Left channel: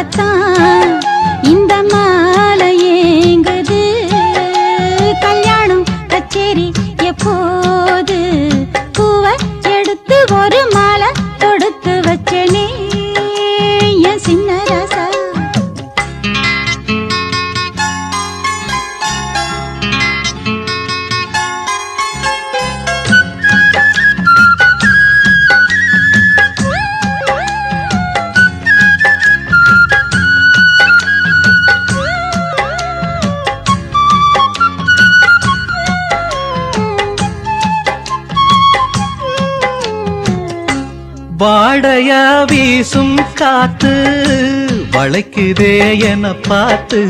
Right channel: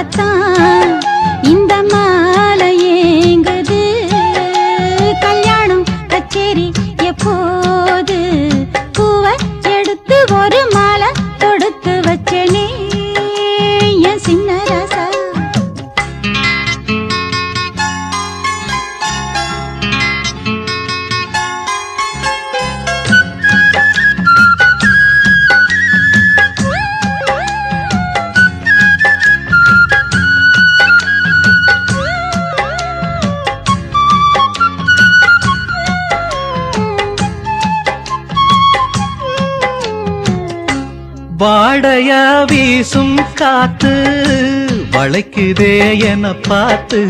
போடத்தான் இந்த மாலை ஏங்குது. கல்யாணம் கச்சேரி எப்போது பூவ எடுத்து ஒரு மாலை தொடுத்து வச்சனே என் சின்ன ராசா. வாடையா வீசும் காத்து வளைக்குதே என பார்த்து